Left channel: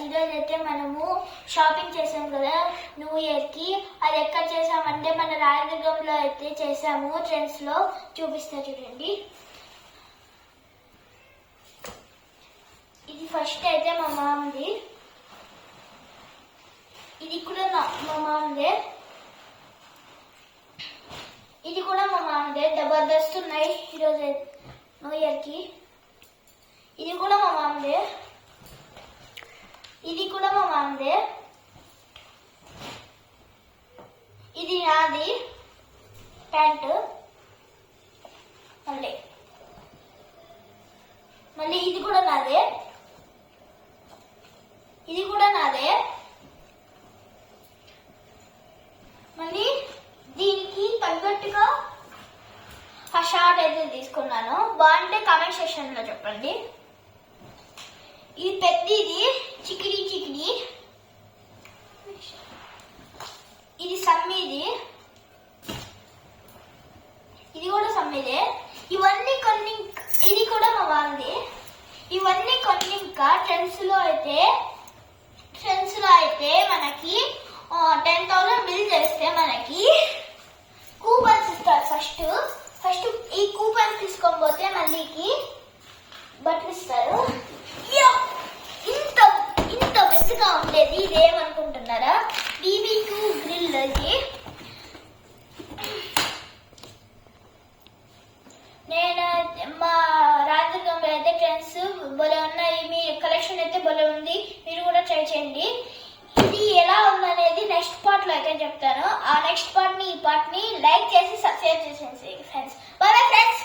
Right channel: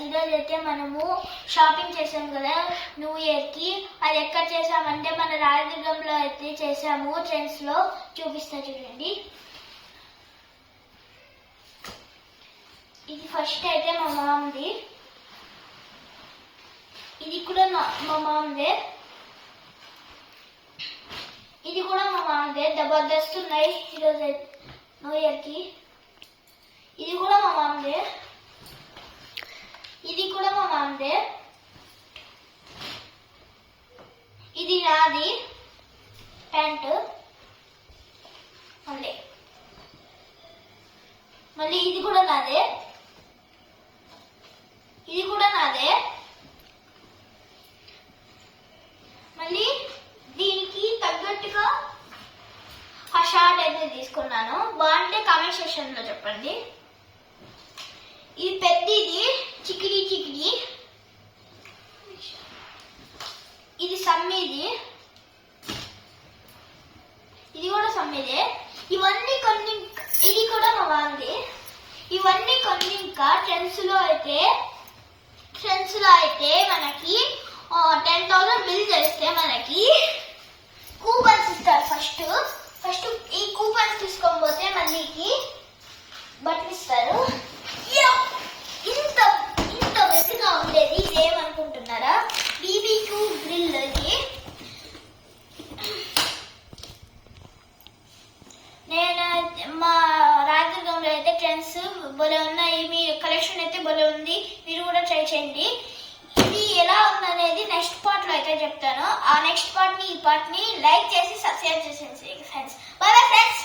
Viewers, ఈరోజు అయితే మనము షాపింగ్ చేసాం కదా న్యూ ఇయర్ కి. అది ఎక్కడ చేసామంటే మన రాయదుర్గంలో అయితే చేసాము. ట్రెండ్స్ లో చూపిస్తా చూడండి. ఇది ఫస్ట్ అయితే మా మామది, ఇది కూడా మా మామదే, ఇది కూడా మా మామదే. జబర్దస్త్ ఉన్నాయి ఈరోజు న్యూ ఇయర్ కి. ఇది కూడా మా మామదే, ఇది కూడా మా మామదే. ఇది నాది ప్యాంటు. మళ్ళీ ఇది కూడా నాదే, ఇది కూడా నాదే. మళ్ళీ దీనికి తగ్గట్టుగా ఆ షార్ట్ అయితే తీసుకున్నాను. బాగుంటే కామెంట్ సెక్షన్ లో చెప్పండి. ఇది పెద్దది చికిడి చికిడి, ఇది సమ్మిది, ఇది కూడా సమ్మిదే. ఇవన్నీ కొన్ని, ఇది కూడా మా వాంది. ఇవన్నీ కొన్ని ఇంకా ట్రెండ్స్ లో అయితే మనకి 10,000 బిల్ చేస్తే మనకి కూపన్స్ ఇస్తారు. ఫస్ట్ ఈ కూపన్స్ తీసుకొని పోతే మళ్ళీకి బట్టలు ఇస్తారు. ఇంత మెత్తగా ఉండేది ఇదేమనుకుంటున్నారా? BBQ grill. ఇది నేను మా రాజదుర్గంలో అయితే ట్రెండ్స్ భలే ఉన్నాయి. మీ కలెక్షన్ అయితే భలే ఉంది, మీరు కూడా ట్రై చేయండి. ఇది ఎలా ఉందనేది నెక్స్ట్ పార్ట్ లో అయితే చెప్తాను. ఆ నెక్స్ట్ పార్ట్ ని ఈ పార్ట్ ని లైక్ చేసి సబ్స్క్రైబ్ చేసేయండి ఫ్రెండ్స్. Bye bye friends.